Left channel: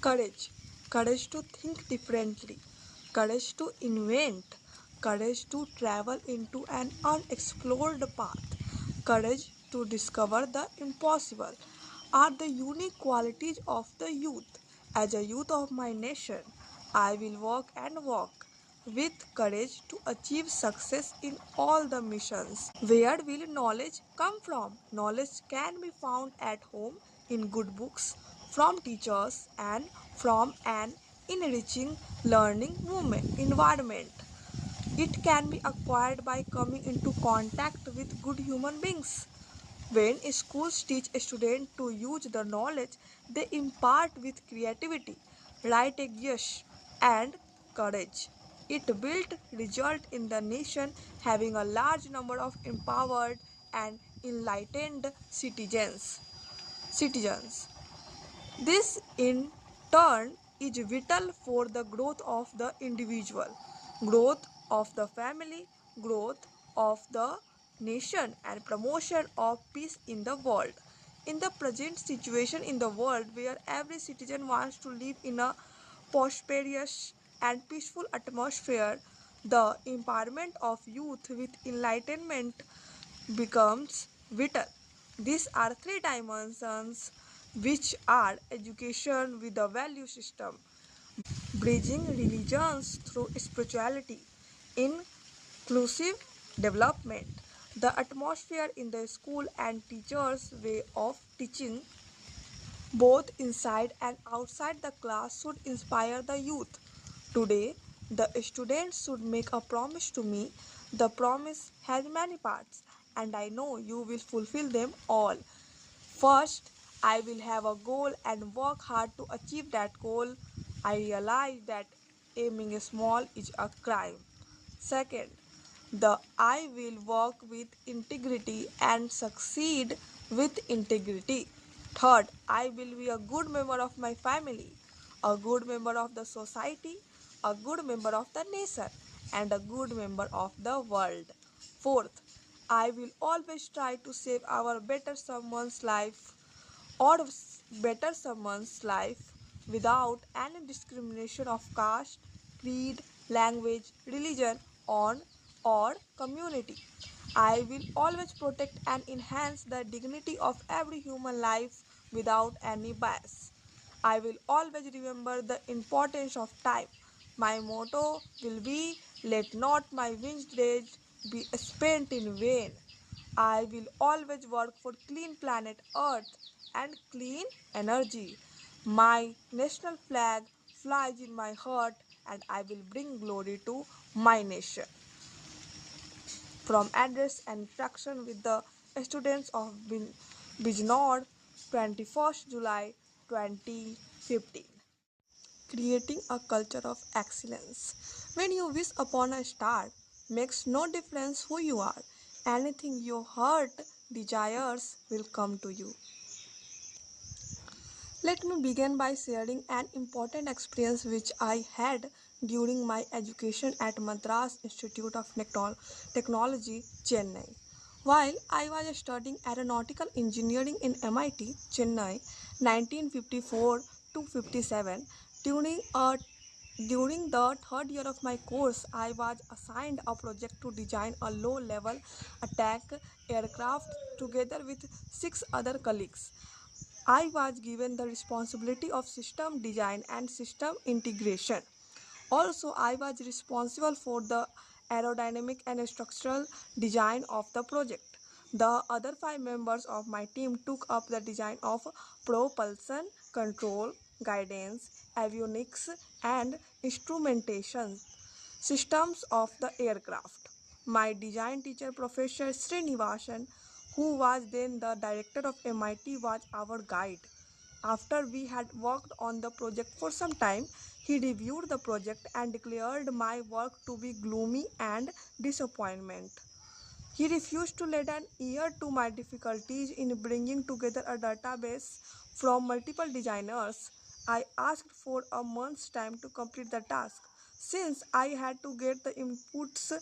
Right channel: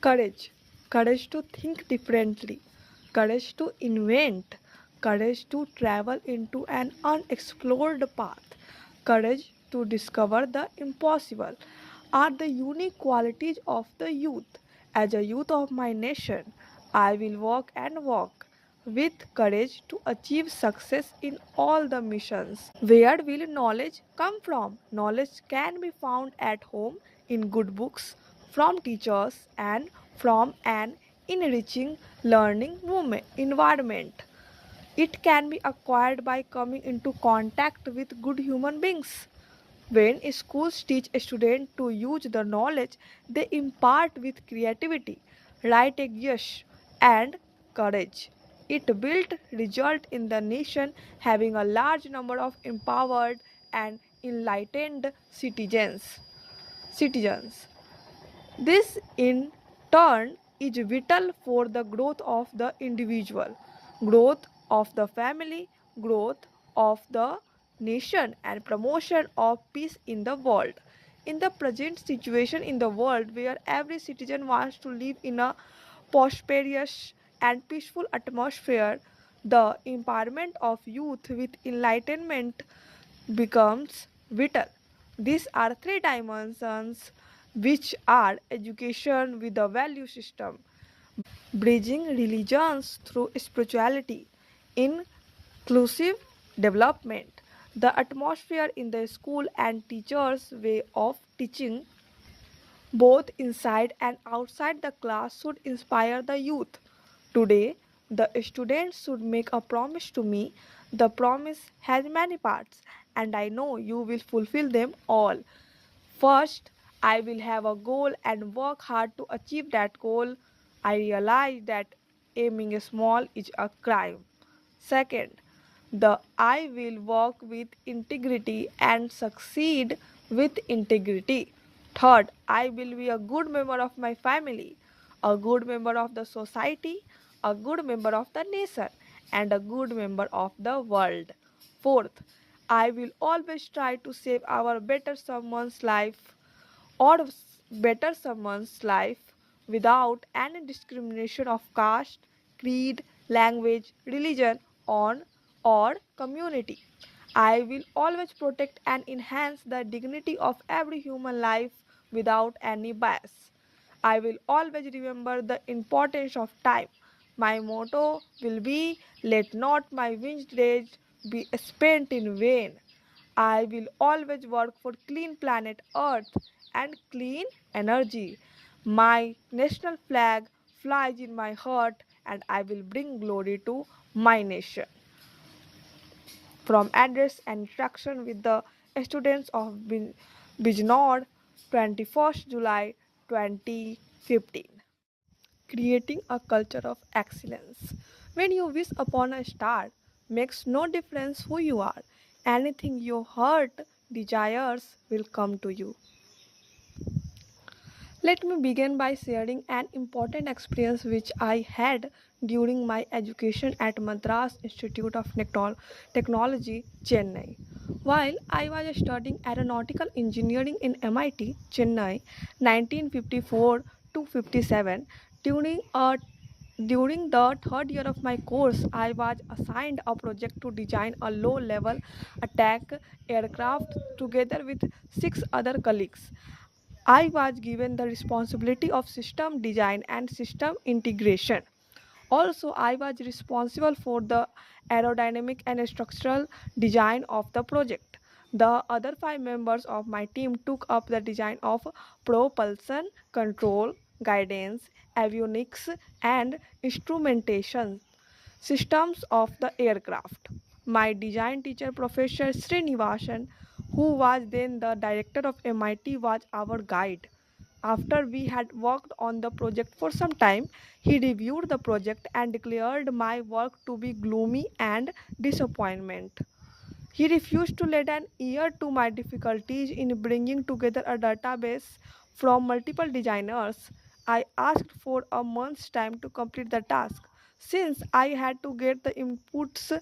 Courage. Courage to think differently. Courage to invent. Courage to travel into an unexplored path. Courage to discover the impossible are the unique qualities of the youth. As a youth of my nation, I will walk and walk with courage to achieve success in all the missions. Where will knowledge come from? Knowledge can be found at home in good books, from teachers, and from an enriching learning environment. It can be acquired by coming into contact with good human beings. When schools teach a student to use the knowledge they impart with creativity, right yes, and courage, it built result in the nation having a large number of empowered and enlightened citizens. This in turn is vital for the growth of the individual, growth of the family, growth of the nation, and promotion of peace in the world. In the present situation in the world where every citizen wants to live in a prosperous and peaceful atmosphere, the empowerment of youth with enlightenment becomes vital. These are three dimensions which are education with the value system, bridging religions through spirituality, inclusive development, the atmosphere in the school and teachers' way of teaching, both inside and outside the class, should inspire the youth. Today, the students should make a promise to me. The promise has many parts, and I know you will fulfill them all. First, I will have a goal and work hard to achieve that goal. I realize that aiming small is a crime. Second, the I will work with integrity and succeed with integrity. Third, I will be a good member of my family, a good member of the society, a good member of the nation, and a good member of the world. Fourth, I will always try to save our better someone's life or better someone's life without any discrimination of caste, creed, language, religion, on or community. I will always protect and enhance the dignity of every human life without any bias. I will always remember the importance of time. My motto will be let not my winged days be spent in vain. I will always work for clean planet Earth and clean energy. My national flag flies in my heart and I will bring glory to my nation. From address and interaction with the students of Bijnor, 21st July 2015. Creating a culture of excellence. When you wish upon a star, makes no difference who you are. Anything your heart desires will come to you. Let me begin by sharing an important experience which I had during my education at Madras Institute of Technology, Chennai. While I was studying aeronautical engineering in MIT, Chennai, 1954 to 57, during a during the third year of my course, I was assigned a project to design a low level attack aircraft together with six other colleagues. I was given the responsibility of system design and system integration. Also, I was responsible for the aerodynamic and structural design of the project. The other five members of my team took up the design of propulsion, control, guidance, avionics, and instrumentation systems of the aircraft. My design teacher, Professor Srinivasan, who was then the director of MIT, was our guide. After we had worked on the project for some time, he reviewed the project and declared my work to be gloomy and disappointment. He refused to lend an ear to my difficulties in bringing together a database from multiple designers. I asked for a month's time to complete the task. Since I had to get the inputs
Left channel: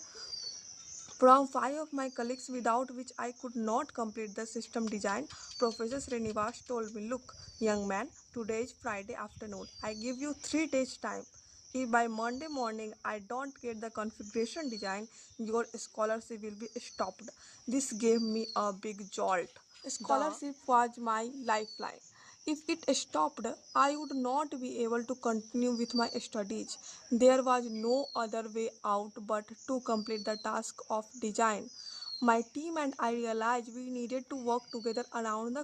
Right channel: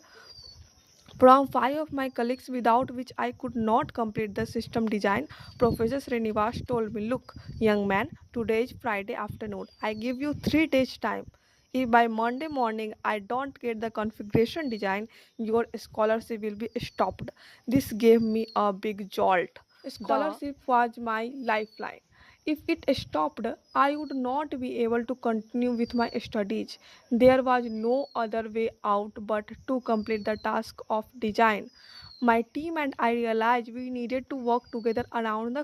from five of my colleagues, without which I could not complete the system design. Professor Srinivas told me, "Look, young man, today is Friday afternoon. I give you 3 days time. If by Monday morning I don't get the configuration design, your scholarship will be stopped." This gave me a big jolt. Scholarship was my lifeline. If it stopped, I would not be able to continue with my studies. There was no other way out but to complete the task of design. My team and I realized we needed to work together round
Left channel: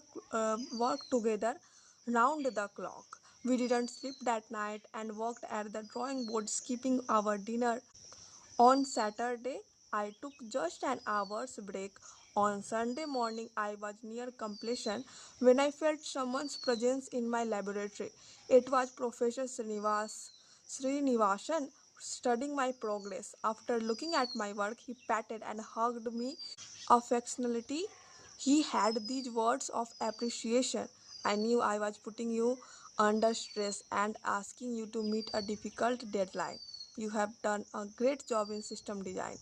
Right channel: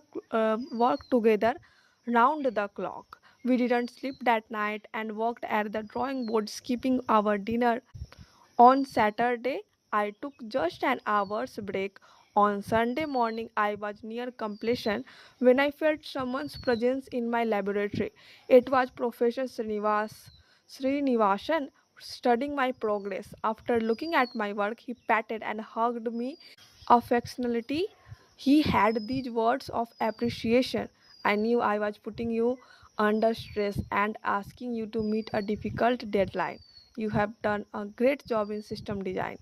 the clock. We didn't sleep that night and worked at the drawing board, skipping our dinner. On Saturday, I took just an hour's break. On Sunday morning, I was near completion when I felt someone's presence in my laboratory. It was Professor Srinivasan studying my progress. After looking at my work, he patted and hugged me affectionately. He had these words of appreciation. "I knew I was putting you under stress and asking you to meet a difficult deadline. You have done a great job in system design."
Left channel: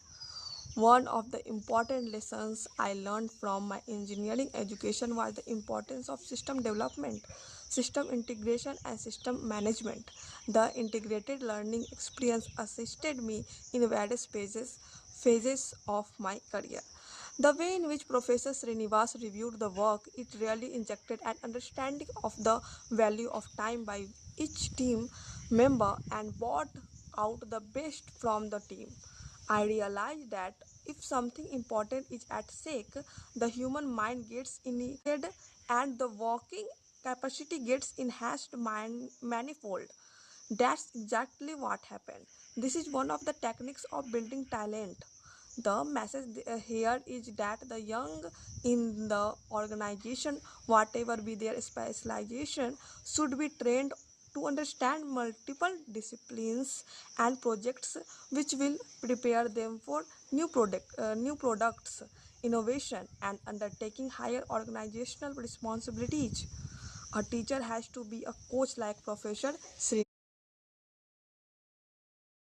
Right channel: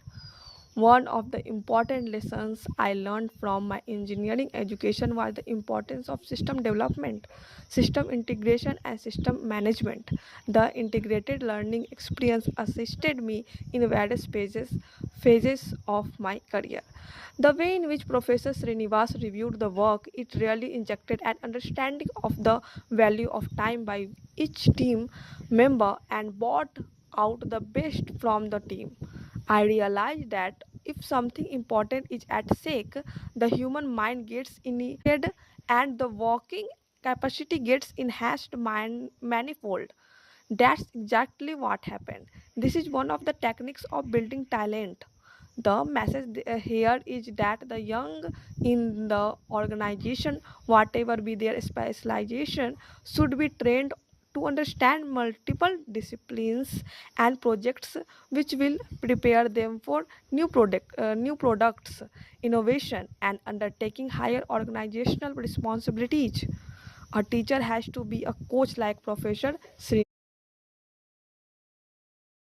One of the important lessons I learned from my engineering education was the importance of system development, system integration, and system management. The integrated learning experience assisted me in various phases of my career. The way in which Professor Srinivas reviewed the work, it really injected an understanding of the value of time by each team member and brought out the best from the team. I realized that if something important is at stake, the human mind gets initiated and the working capacity gets enhanced manifold. That's exactly what happened. This is one of the techniques of building talent. The message here is that the young in the organization, whatever be their specialization, should be trained to understand multiple disciplines and projects, which will prepare them for new products, innovation, and undertaking higher organizational responsibilities. A teacher has to be a coach like Professor Sri.